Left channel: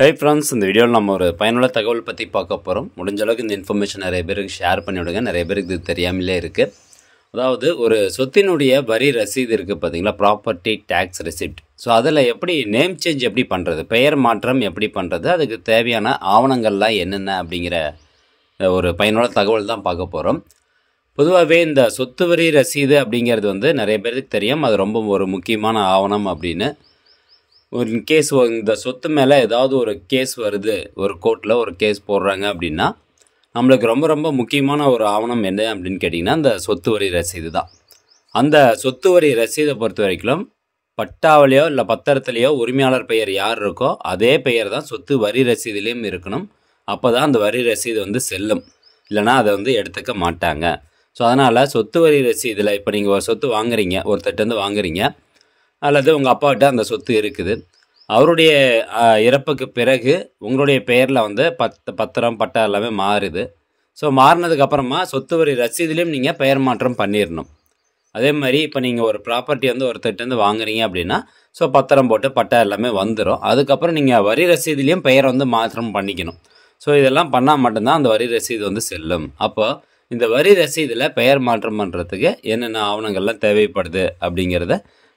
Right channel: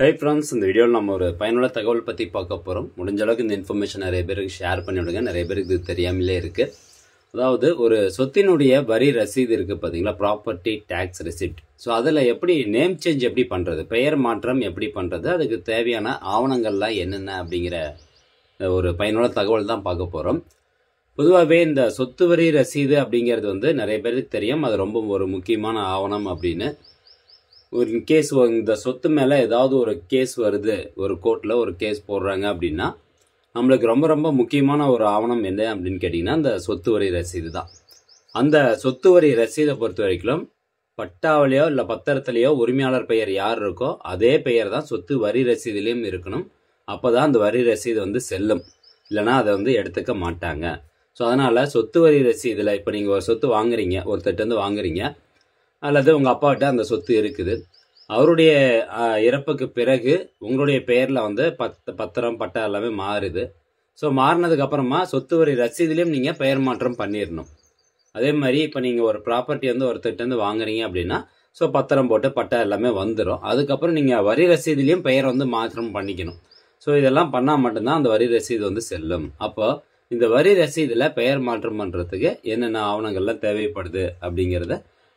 Hi friends, இந்த வீடியோவில் நம்ம ஒரு பயனுள்ள தகவல் பற்றி பார்க்க போகிறோம். முடிஞ்ச அளவுக்கு இந்த இன்ஃபர்மேஷன் நிறைய பேருக்கு ஷேர் பண்ணி விடுங்க. நிறைய பேருக்கு இது தெரியாமலே இருக்குது. அதாவது ஒரு சொத்தினுடைய வரி ரசீது இருக்குது பார்த்தீங்களா, ப்ராப்பர்ட்டி டேக்ஸ் ரெசிப்ட். ஸோ அதில் எப்படி நேம் சேஞ்ச் எப்படி பண்ணுறது, பெயர் மாற்றம் எப்படி பண்ணுறது, அதுக்கு தேவையான ஆவணங்கள்லாம் என்னென்ன அப்படிங்கிற ஒரு பயனுள்ள தகவல் தான் பார்க்க போகிறோம். பொதுவாகவே இந்த சொத்து வரி ரசீது அப்படிங்கிறது வந்து நிறைய பேருக்கு தெரியும். அது ரொம்ப ஒரு முக்கியமான ஆவணம் அப்படின்னு. ஒரு கேஸ் இந்த சொத்து மேலே ஏதாவது ஒரு கேஸ் வருது, ஒரு கோர்ட்டில் ஒரு கேஸ் போடுறாங்க அப்படின்னா நம்மளுக்கு ரொம்ப ரொம்ப முக்கியமான ஒரு ஆவணம் என்ன அப்படின்னு கேட்டிங்கன்னா இந்த சொத்து வரி ரசீது தான். அந்த சொத்து வரி ரசீதை பொறுத்த வரைக்கும் பட்டாவிலையோ இல்லை பத்திரத்துலேயோ உரிமையாளர் பெயர் யார் இருக்கோ அதே பெயர் தான் சொத்து வரி ரசீதுலேயும் இருக்கணும். அப்போ தான் அந்த வரி ரசீது வந்து செல்லும், இல்லைனா அதை வந்து எடுத்துக்க மாட்டாங்க. ஸோ அதனால் சொத்து வரி ரசீதில் இப்போ நீங்கள் ஒரு சொத்து வாங்குறீங்க, ஒருத்தர்கிட்டருந்து வாங்குறீங்க, அல்லது உங்கள் அப்பாக்கிட்ட அந்த சொத்து இருக்குது, அவருடைய இறப்புக்கு பிறகு உங்களுடைய பெயரில் வந்து பத்திரம் பட்டா எல்லாமே மாறுது. ஸோ மாறினதுக்கப்புறமா சொத்து வரி ரசீதுலேயும் நீங்கள் பெயர் மாற்றம் பண்ணிடணும். அதே மாதிரி இப்போ நீங்கள் ஒரு ப்ராப்பர்ட்டி வந்து ஒருத்தர்கிட்டருந்து வாங்குறீங்க அப்படின்னா ஸோ பத்திரம் போட்டு பட்டா எல்லாமே வந்துடும். அதுக்கப்புறம் நீங்கள் வரி ரசீதுலேயும் பெயர் வந்து மாற்றம் பண்ணிக்கணும். ஸோ இதெல்லாம் பண்ணால் மட்டும்தான் அந்த வரி ரசீது வந்து செல்லும். அப்போ இந்த வரி ரசீதில் பெயர் மாற்றம் பண்ணுறதுக்கு என்னென்ன ஆவணங்கள்லாம் தேவைப்படுது அப்படிங்கிறத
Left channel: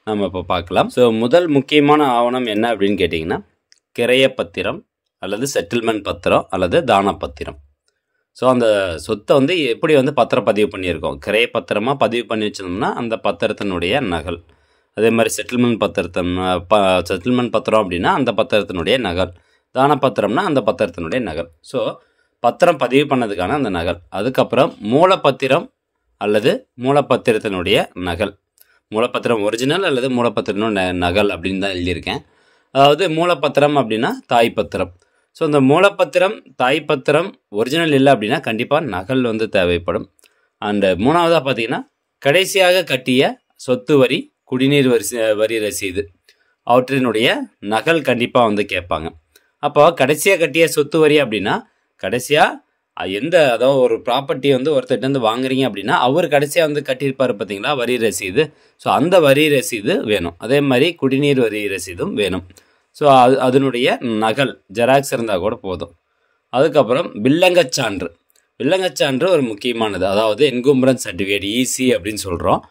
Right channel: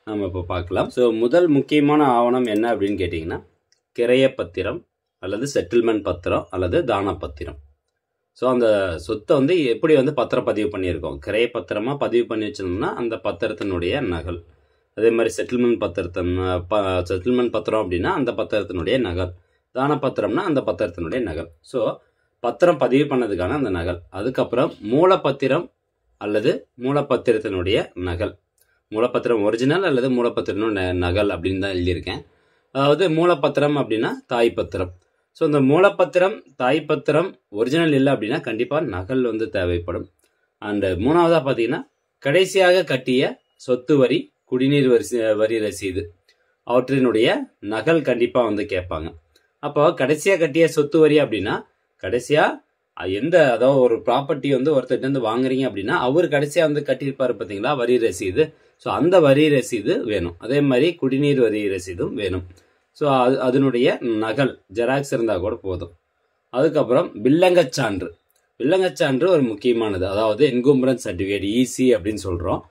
நம்ம இப்போ பார்க்கலாம். ஸோ முதல் முக்கியமான ஆவணம் என்ன அப்படின்னு கேட்டிங்கன்னா கிரைய பத்திரம் அல்லது செட்டில்மெண்ட் பத்திரம் அல்லது தான பத்திரம். ஸோ அந்த சொத்தை வந்து எப்படி வந்து பத்திரப்பதிவு பண்ணியிருக்கோம், கிரைய பத்திரமாக பதிவு பண்ணி வச்சிருந்தோம்னா அந்த பத்திரத்தினுடைய நகல். அதே மாதிரி செட்டில்மெண்ட் பத்திரம் அப்படின்னா அந்த பத்திரத்தினுடைய நகல். தான பத்திரம்னா அந்த பத்திரத்தினுடைய நகல். ஸோ பத்திரம் பதிவு பண்ணதுக்கான அந்த நகல். அதுக்கப்புறம் மூலப்பத்திரம் அல்லது மூலப்பத்திரத்தினுடைய நகல். மூலப்பத்திரம் ஒரிஜினல் அல்லது மூலப்பத்திரம் நகல் அப்படின்னு தான் எழுதியிருக்கேன். அதாவது மூலப்பத்திரம் அப்படின்னா தாய்ப்பத்திரம். ஸோ இந்த மூலப்பத்திரம் தாய்ப்பத்திரம் ஒரிஜினல் இல்லை அப்படின்னா கண்டிப்பாக நகல் வந்து தேவைப்படும். அண்ட் மூணாவதாக பார்த்தீங்கன்னா கடைசியாக கட்டிய சொத்து வரி குடிநீர் வரி ரசீது அவற்றினுடைய நகல் கண்டிப்பாக வந்து கேட்பாங்க. அப்போ கடைசியாக கட்டிய சொத்து வரி அப்படின்னா கடைசியாக அதாவது ஒரு ப்ராப்பர்ட்டி வந்து ஒருத்தர்கிட்ட வாங்குறீங்க அப்படின்னா அவர் கடைசியாக வந்து கட்டியிருப்பார் பார்த்தீங்களா வரி ரசீது. ஸோ அந்த வரி ரசீது வேணும். அதே மாதிரி குடிநீர் வரி ரசீதும் வேணும். ஸோ அதனுடைய நகல் ஜெராக்ஸ் இருந்தால் கூட போதும். அதுக்கப்புறம் வில்லங்கச்சான்று. வில்லங்கச்சான்று ஒரு முக்கியமானது, அதாவது என்கும்பரன்ஸ் சர்டிஃபிகேட் ஈசி அப்படின்னு சொல்கிறோம்.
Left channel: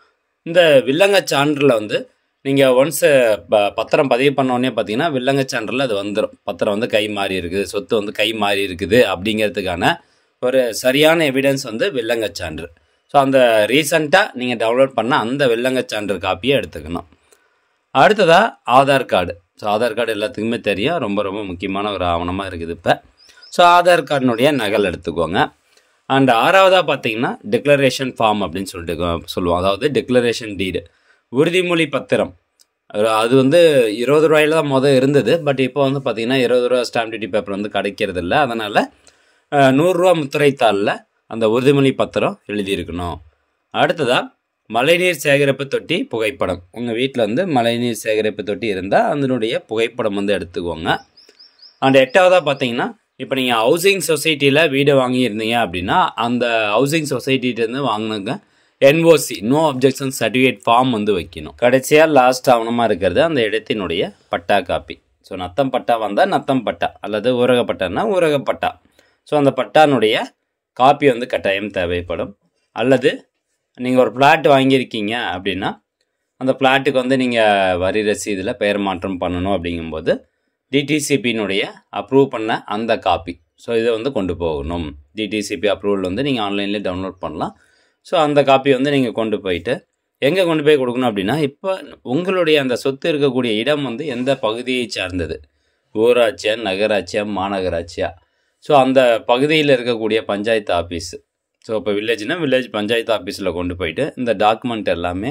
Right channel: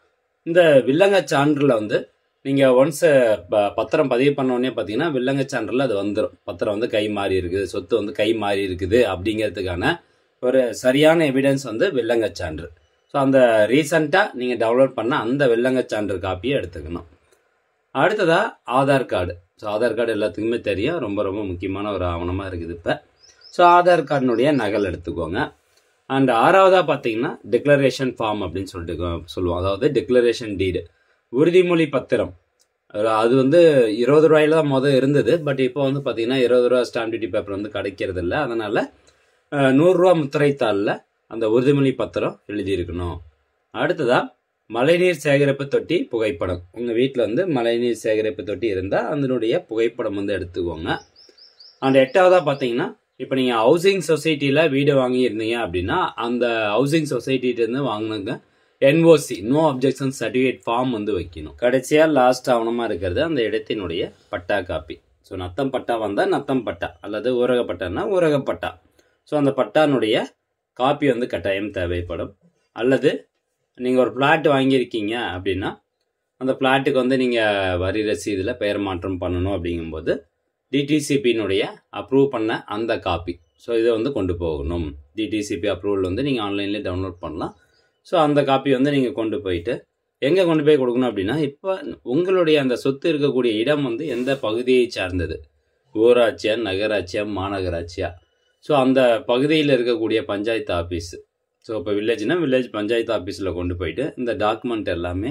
இந்த வில்லங்கச்சான்றில் வந்து நீங்கள் ஒன்ஸ் பத்திரம் பதிவு பண்ணோடனே பார்த்தீங்கன்னா வில்லங்கச்சான்றில் அது வந்துடும். பத்திரம் வந்து கை மாறி இருக்குது, சொத்து வந்து கை மாறி இருக்குது அப்படிங்கிறதுக்கான ஒரு சரியான எவிடன்ஸ் வந்து வில்லங்கச்சான்று. ஸோ அந்த ரீசண்டாக நீங்கள் டவுன்லோட் பண்ண அந்த வில்லங்கச்சான்று காப்பியை எடுத்துக்கணும். அடுத்ததாக Aadhaar card. So Aadhaar card எல்லாத்துக்குமே தெரியும், ரொம்ப ரொம்ப முக்கியமான ஒரு ஆவணமாக இருக்குது இப்போ. ஸோ ஆதார் கார்டினுடைய நகல் எடுத்துக்கோங்க. அண்ட் ஆறாவதாக பார்த்தீங்கன்னா டிக்ளரேஷன் ஃபார்ம் அப்படின்னு சொல்லுவோம். அதாவது டிக்ளரேஷன் டீடு, உறுதிமொழி பத்திரம். அது வந்து 20 ரூபாயில தான் முதல் இருந்தது. பட் இப்போ வந்து பார்த்திங்கன்னா 20 ரூபா ஸ்டாம்ப் டியூட்டி பேப்பர் வந்து கிடைக்கிறது இல்லை. அதனால் 100 ரூபா முத்திரைத்தாளில் அந்த உறுதிமொழி பத்திரம் எழுதியிருக்கணும். அடுத்ததாக மழைநீர் சேகரிப்பு தொட்டி புகைப்படம். உங்கள் வீட்டில் வந்து மழைநீர் சேகரிப்பு தொட்டி இருந்தால் அதனுடைய புகைப்படம் வந்து எடுத்துக்கோங்க. அண்ட் எட்டாவதாக பார்த்தீங்கன்னா இப்போ நீங்கள் ஹவுசிங் சொசைட்டியில் வீடு வாங்கியிருந்தீங்க அப்படின்னா அந்த ஹவுசிங் சொசைட்டிகிட்டேருந்து வாங்கினங்க NOC no objection certificate form வந்து வைக்கணும். கடைசியாக லாஸ்ட் ஆவணமாக இருக்கிறது அந்த இடத்தினுடைய பட்டா காப்பி. ஸோ நத்தம் பட்டா வந்தால் நத்தம் பட்டா அல்லது ஊரகப்பட்டான்னா ஊரகப்பட்டா. ஸோ அந்த பட்டானுடைய காப்பி வந்து கட்டாயம் தேவைப்படும். அல்லது நீங்கள் ஒரு பிளாட் வாங்கியிருக்கீங்க அப்படின்னா அந்த பிளாட்டுக்கு வந்து நீங்கள் வரி ரசீதில் பெயர் மாற்றம் பண்ணணும் அப்படிங்கும்போது டிடிசிபியினுடைய அப்ரூவ் பண்ண அந்த காப்பி. ஸோ இதை வந்து கொண்டு போகணும். டிடிசிபி அப்ரூவல் வந்து நீங்கள் ஆன்லைன்லேயே டவுன்லோட் பண்ணலாம். ஸோ அந்த காப்பி வந்து நீங்கள் கொண்டு போயிட்டு எங்கே கொண்டு போய் கொடுக்கணும் அப்படின்னா இப்போ உங்களுடைய அந்த சொத்து இருக்கக்கூடிய இடம் வந்து எந்த பகுதியை சார்ந்தது, ஊராட்சியா நகராட்சியா மாநகராட்சியா, ஸோ அந்த பகுதியில் இருக்கக்கூடிய பஞ்சாயத்து ஆஃபீஸு. ஸோ இப்போ வில்லேஜ்னா வில்லேஜ் பஞ்சாயத்து ஆஃபீஸில் கொண்டு போயிட்டு இந்த டாக்குமெண்ட் எல்லாமே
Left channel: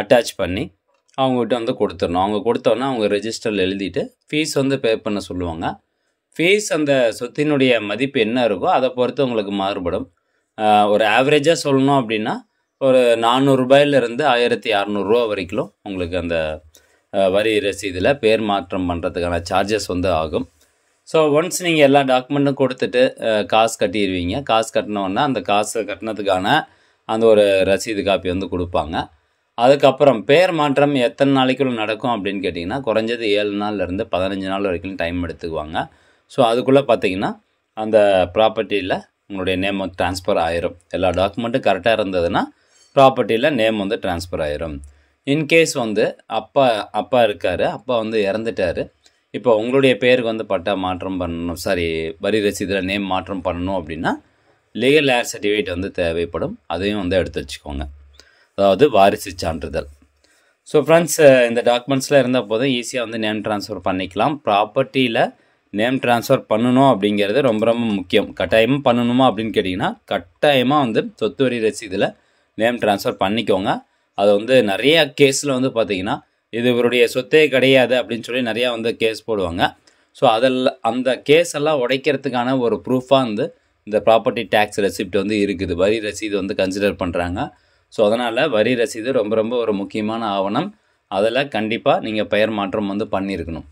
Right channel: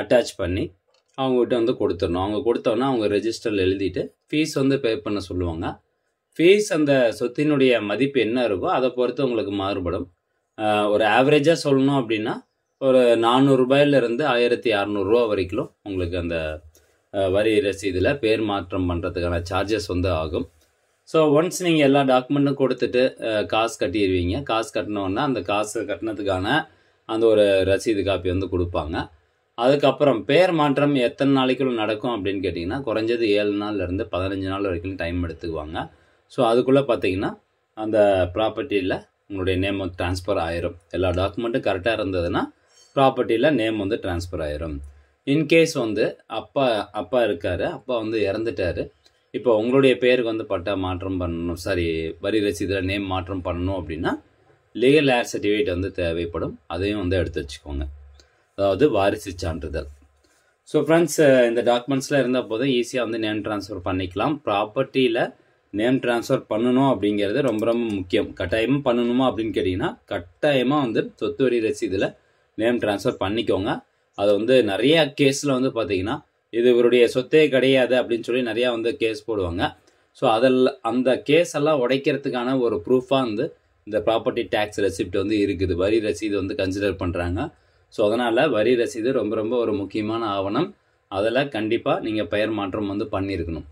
அட்டாச் பண்ணி அவங்ககிட்ட வந்து கொடுத்துடணும். அவங்க கொடுத்தோன்னா அவங்க ரெஜிஸ்டரில் எழுதிட்டு ஃபீஸ் வந்து பே பண்ண சொல்லுவாங்க. ஃபீஸ் அந்த சொத்தினுடைய மதிப்பு என்ன இருக்கோ அதை பொறுத்து உங்களுக்கு மாறுபடும். ஒரு ஆவரேஜாக சொல்லணும் அப்படின்னா ஒரு 400 ரூபாயிலிருந்து 1600 வரைக்கும் உங்களுக்கு அந்த வரி ரசீதில் பேர் மாற்றம் பண்ணுறதுக்கான சார்ஜஸ் வந்து ஆகும். ஸோ ஒன்ஸ் நீங்கள் எல்லா டாக்குமெண்ட்டும் கொடுத்துட்டு காசு கட்டிடுவீங்க. காசு கட்டினோன்னா அந்த காசை கட்டினதுக்கான அந்த ஒரு ரசீது காப்பி வந்து கொடுப்பாங்க. அதுக்கப்புறம் பேர் மாற்றம் எத்தனை நாளைக்குள்ள நடக்கும் அப்படின்னு கேட்டிங்கன்னா குறைஞ்சது 7 நாள்லேருந்து 15 நாள் வரைக்கும் டைம் எடுத்துக்குவாங்க. ஸோ அதுக்குள்ளே பார்த்தீங்கன்னா அந்த ப்ராப்பர்ட்டியில் உங்களுடைய நேம் வந்து ட்ரான்ஸ்ஃபர் ஆயிரும். எல்லா டாக்குமெண்ட்டும் கரெக்டாக இருந்ததுன்னா ப்ராப்பர்ட்டியில் நேம் வந்து ட்ரான்ஸ்ஃபர் ஆயிரும். இன்கேஸ் வந்து அப்பா இருக்கார், அப்பா வந்து இறந்துட்டார், இப்போ உங்களுடைய பேருக்கு வந்து பட்டா மாற்றம் பண்ணணும், வரி ரசீதில் நேம் மாற்றம் பண்ணணும் அப்படின்னா லீகல் ஏர் சர்டிஃபிகேட் வந்து தேவைப்படும். அதையும் வந்து எடுத்து வச்சுக்கோங்க, அதாவது வாரிசு சான்றிதழ். ஸோ ஃப்ரெண்ட்ஸ், இந்த டாக்குமெண்ட்ஸில் இருந்தால் போதும் ஈஸியாக வந்து நேம் ட்ரான்ஸ்ஃபர் பண்ணிக்கலாம். ப்ராப்பர்ட்டியில் நேம் ட்ரான்ஸ்ஃபர் பண்ணணும் அப்படிங்கிறது ரொம்ப ரொம்ப முக்கியம். கட்டாயமாக பண்ணணுமா அப்படின்னு கேட்டிங்கன்னா கட்டாயமாக வந்து சொத்து வரி ரசீதில் நேம் ட்ரான்ஸ்ஃபர் பண்ணிக்கோங்க. அதை வந்து நிறைய கேஸில் வந்து பார்த்திங்கன்னா இது இவருடைய சொத்தே கிடையாது அப்படின்னு சொல்லி நிறையா வந்து கேஸ் போடுவாங்க. ஸோ அந்த கேஸ் எல்லாம் உடைக்கிறதுக்கான ஒரு ப்ரூஃபாக வந்து இந்த ப்ராப்பர்ட்டி டேக்ஸ் ரெசிப்ட் வந்து இருக்குது. வரி ரசீது வந்து கன்சிடர் பண்ணுறாங்க. ஸோ அதனால் வரி ரசீது ரொம்ப ரொம்ப ஒரு முக்கியமான ஆவணம். அதில் கண்டிப்பாக நீங்கள் பெயர் மாற்றம் வந்து பண்ணியிருக்கணும்.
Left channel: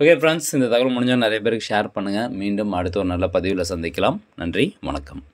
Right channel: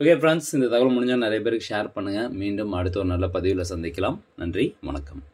ஓகே ஃப்ரெண்ட்ஸ், இந்த தகவல் முடிஞ்சால் நிறைய பேருக்கு ஷேர் பண்ணுங்கள். மீண்டும் அடுத்த ஒரு நல்ல பதிவில் சந்திக்கலாம். நன்றி, வணக்கம்.